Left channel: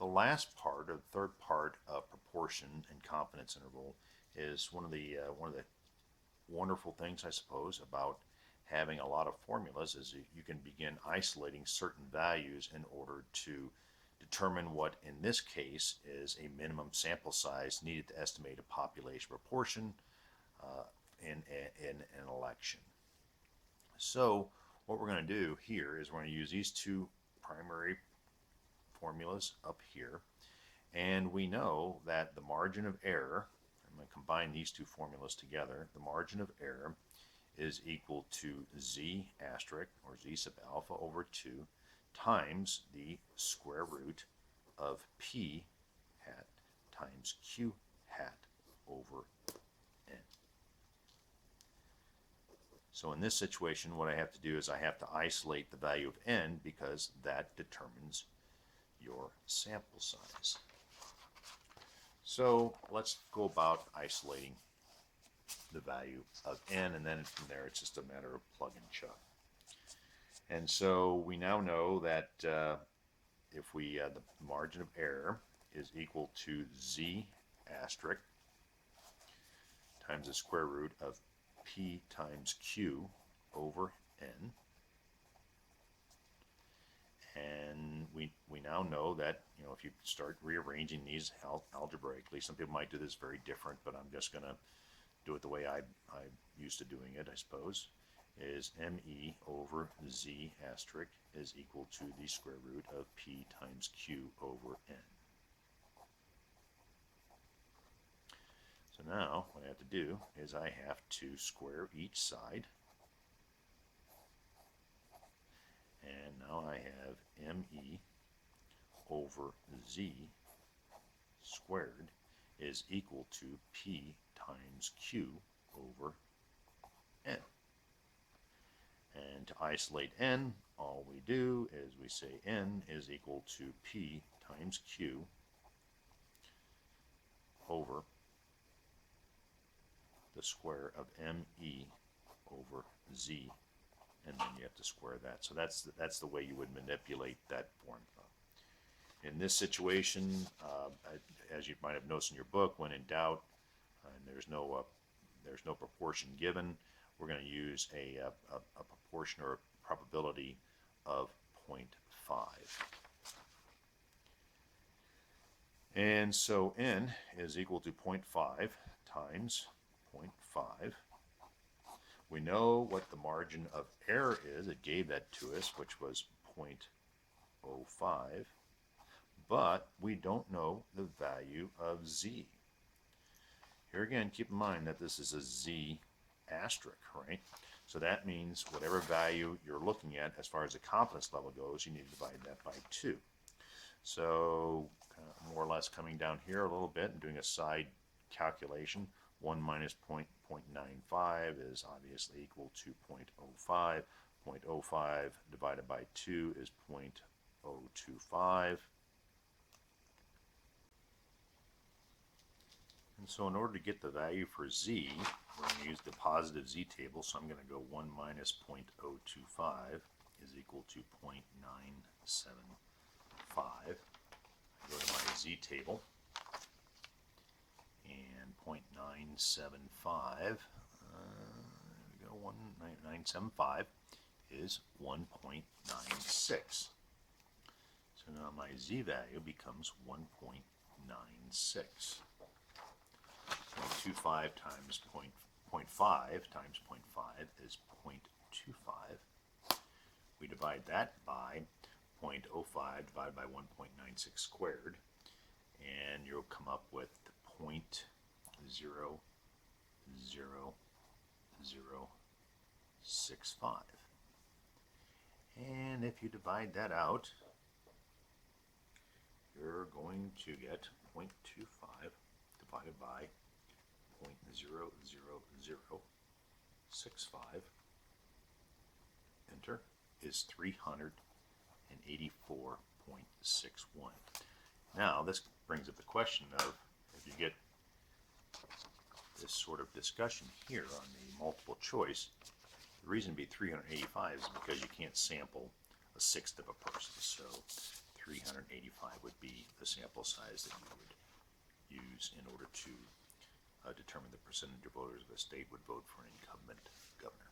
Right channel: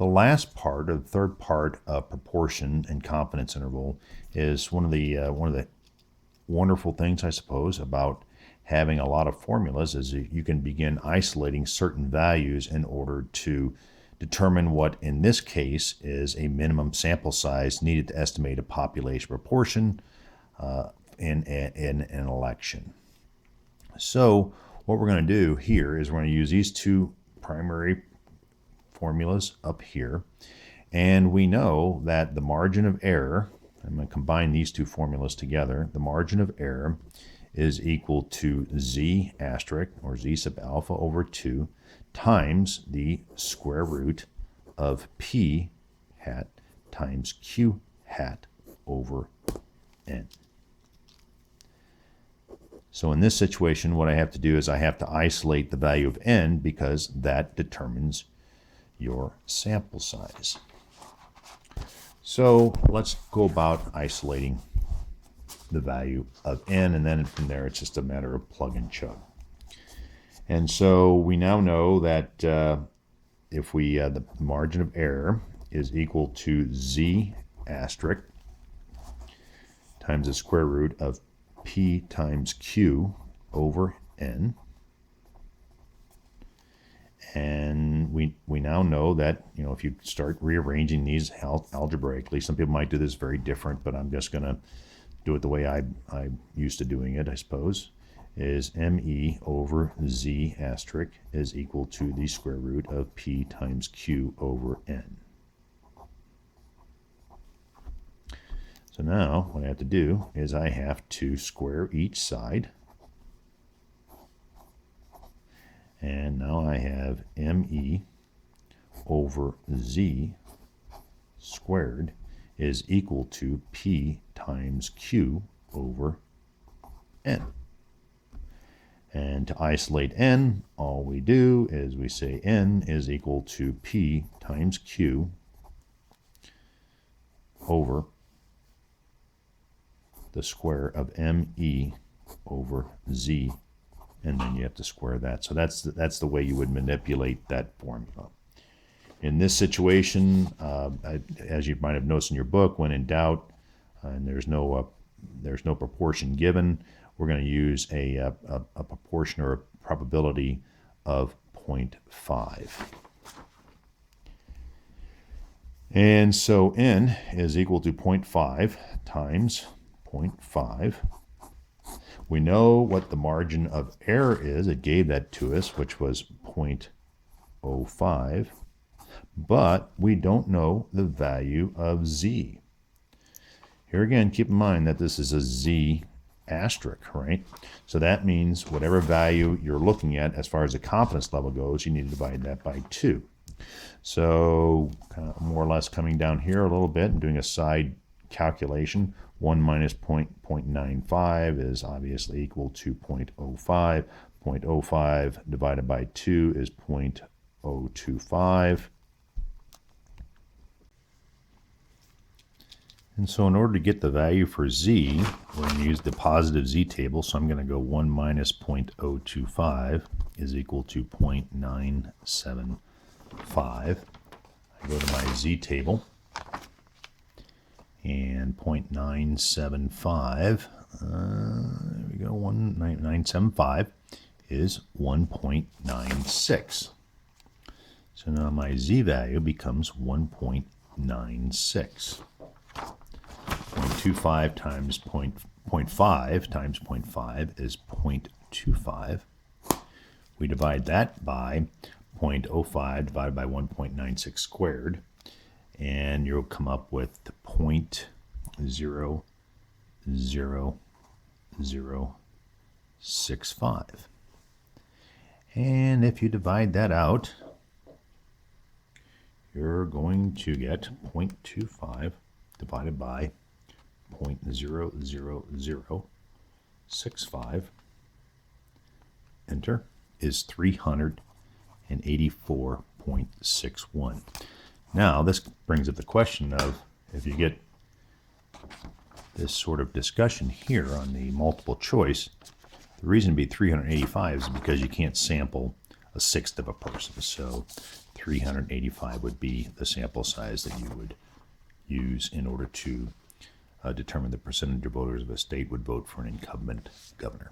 The last part, or the third part of proportion and confidence interval, is one of the wonderful things, I suppose, about having a lot of formulas is you can begin isolating certain values in order to determine what, in this case, is a minimum sample size needed to estimate a population proportion in an election. So what we're going to do here is we're going to use these two primary formulas up here, and we know that the margin of error, I'm going to combine these two formulas together, the margin of error is equal to z asterisk, or z sub alpha over 2, times the square root of p hat times q hat over n. So in this situation, what I have to do is I have to isolate the value of n because that determines your sample size. So let's go about isolating the value of n, and then from there it's just a matter of plug and chug. And so we now know that if we the margin of error is equal to z asterisk times the square root of p times q over n. And we now know that, if you start rearranging these algebraically, some people might do this very different, but I'm just going to do it the way I'm used to doing it, I suppose, is me over z asterisk is equal to the square root of p times q over n. So now what I have to do is I have to square each side. And now I have me over z squared is equal to p times q over n. And to isolate n, all we do is we say n is equal to p times q over the square of me over z, and then you have to square that. So that's the way you would manipulate that formula. In this situation, as you might have noticed in your book, when in doubt, and there's no proportion given, we're going to use a proportion or a probability of 0.5. And so n is equal to 0.5 times 0.5. We know what the margin of error is. It gave that to us, which was 0.05. But we don't know the value of z. Here again, keep in mind that this is a z asterisk, right? So that means whatever value you're looking at as far as the confidence level goes, you need to divide that by 2. So kind of more or less coming down here a little bit and doing a side calculation, 1 minus 0.95 is obviously equal to 0.05. 0.05 divided by 2 is 0.025. And so in order to get the value for z, we're going to use the positive z table. So I'm going to go 1 minus 0.025 is equal to 0.975. I go to my z table. And 0.975, there we go, 975 is 1.96. So now my z value becomes 1.96. 0.25 times 0.5 times 0.5 is 0.25. We divide that by 0.05 divided by 1.96 squared, and you'll come up with 0.00065. And if you divide that out, you're going to get 0.25 divided by 0.00065, enter, is 384.61. Now, this brings up the question of, if you get this sort of discussion here on the multiple choice, the reason to be 385 is because you can't sample a sixth of a person. So 385 would be the sample size that you would use in order to determine the percentage of voters of a state would vote for an incumbent governor.